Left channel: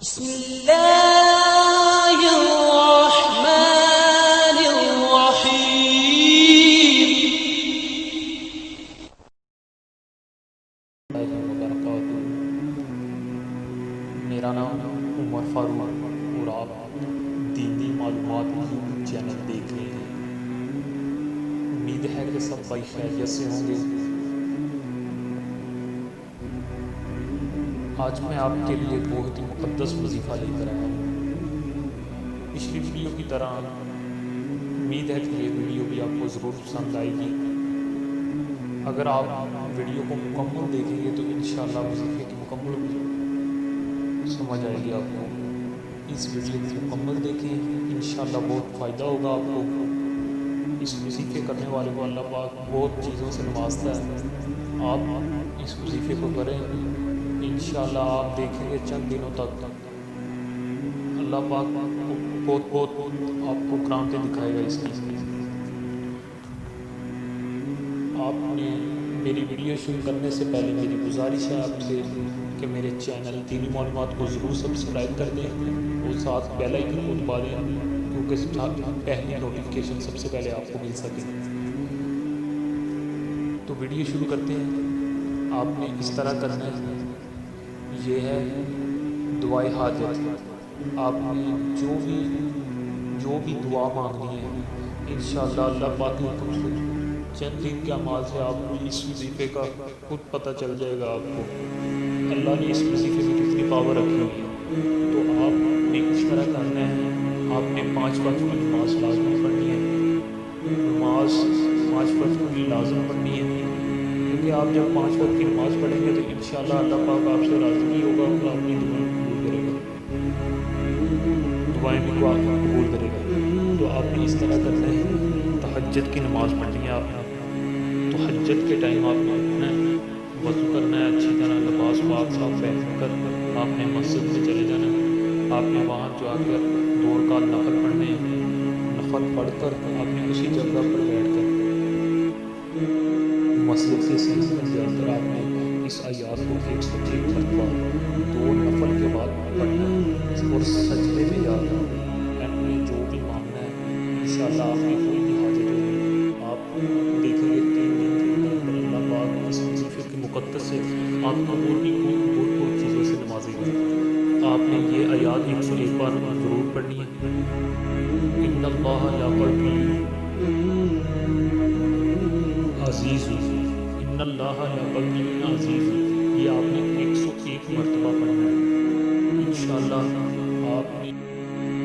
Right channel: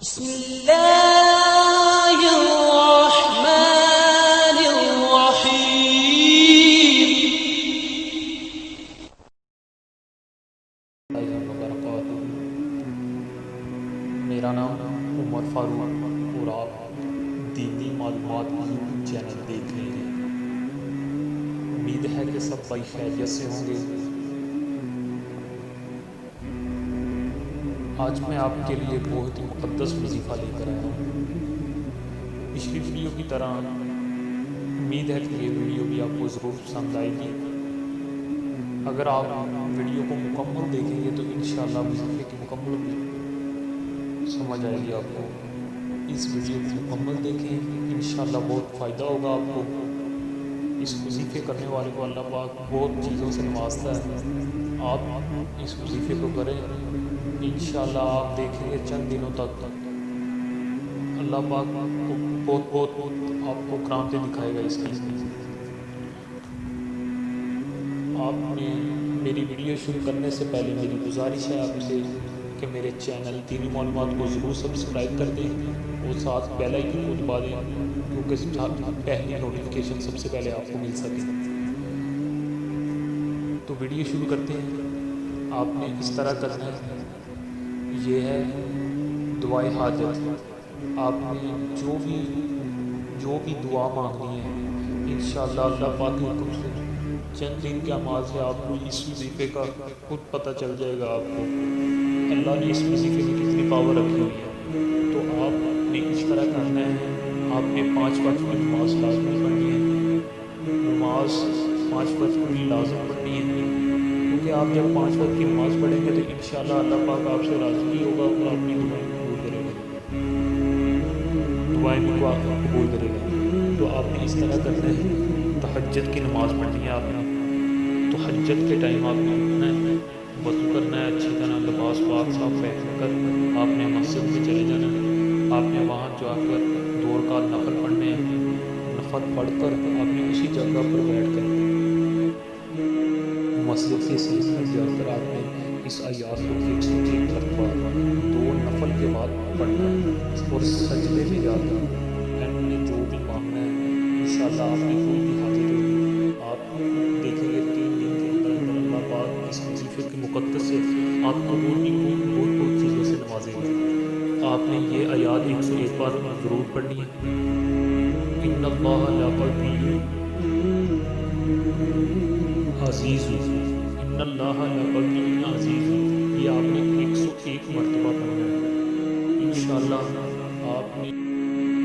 بسم الله الرحمن الرحيم وبرکاتہ۔ میرا نام عمر فاروق اور آپ دینی معلومات یوٹیوب چینل دیکھ رہے ہیں۔ امید ہے کہ سب بھائی خیریت سے ہوں گے۔ آج میں آپ کے لیے بہت ہی مقدس وظیفہ لے کر آیا ہوں۔ پچھلی ویڈیو کی طرح امید ہے کہ یہ ویڈیو بھی آپ کو ضرور پسند آئے گی۔ اگر آپ ویڈیو کو مکمل دیکھیں گے تو انشاءاللہ وظیفے کی مکمل سمجھ آئے گی آپ کو۔ اس ویڈیو کو مکمل دیکھیں، انشاءاللہ بہت فائدہ ہوگا آپ کو۔ اس وظیفے کرنے والے کو اللہ پاک بہت چیزوں سے نوازتا ہے۔ آپ اس وظیفے کو کریں، انشاءاللہ آپ دیکھیں گے چند دنوں تک اللہ پاک بہت آپ کو کرامتیں دکھائے گا اس کی۔ آپ نے میری ویڈیو شروع کرنے سے پہلے میری گزارش ہے آپ سے کہ میرے چینل دینی معلومات کو ضرور سبسکرائب کر دیں اور ساتھ بیل آئیکن کو دبا دیں، کیونکہ پہلی نوٹیفیکیشن سب سے پہلے آپ کو مل سکے۔ تو ویڈیو شروع کرتے ہیں۔ آپ نے اس طرح کرنا ہے، یہ ہے دعائے حاجت۔ آپ نے جو بھی دعا مانگنی ہے انشاءاللہ اللہ پاک کے حکم سے چند دن کے اعمال سے آپ کو اس وظیفے کا خود پتہ چل جائے گا۔ آپ کو اللہ نے اس وظیفے میں کتنی پاور رکھی ہوئی ہے۔ تو آپ نے اس طرح کرنا ہے، آپ نے 5 وقت کی نماز لازمی پڑھنی ہے۔ نماز 5 وقت کی لازم پڑھنی ہے، کیونکہ آپ جب 5 وقت کی نماز پڑھیں گے تو انشاءاللہ اللہ پاک آپ سے راضی بھی ہوگا اور اپنی دعائیں قبول کرے گا، دعائیں بھی قبول کرے گا۔ تو آپ نے اس طرح کرنا ہے، تہجد کی نماز پڑھنی ہے آپ نے۔ تہجد کے ٹائم آپ نے اٹھنا ہے، وضو کرنا ہے، اچھی طرح لباس پاک صاف پہن کر آپ نے مسجد میں چلے جانا ہے۔ آپ نے وہاں جا کر 2 رکعت نفل پڑھنے ہیں۔ نفل پڑھ کر آپ نے اسی جگہ پر بیٹھ کر مسجد کے سینے میں جا کر آپ نے اس آیات کو 101 مرتبہ 2 نفل کے بعد پڑھنا ہے اور سجدے میں جا کر نے جو بھی مانگنا ہے انشاءاللہ آپ کی کوئی بھی حاجت ہوگی آپ دیکھیں گے 3 دن کے اندر اللہ پاک اس وظیفے کے مقدس سے آپ کو اور بھی بہت چیزوں سے نوازے گا۔ آپ نے یہ آیات 101 بار ضرور پڑھنی ہے۔ ان اللہ لقوی عزیز، ان اللہ لقوی عزیز، یہ آپ نے 101 مرتبہ پڑھنا ہے۔ انشاءاللہ آپ نے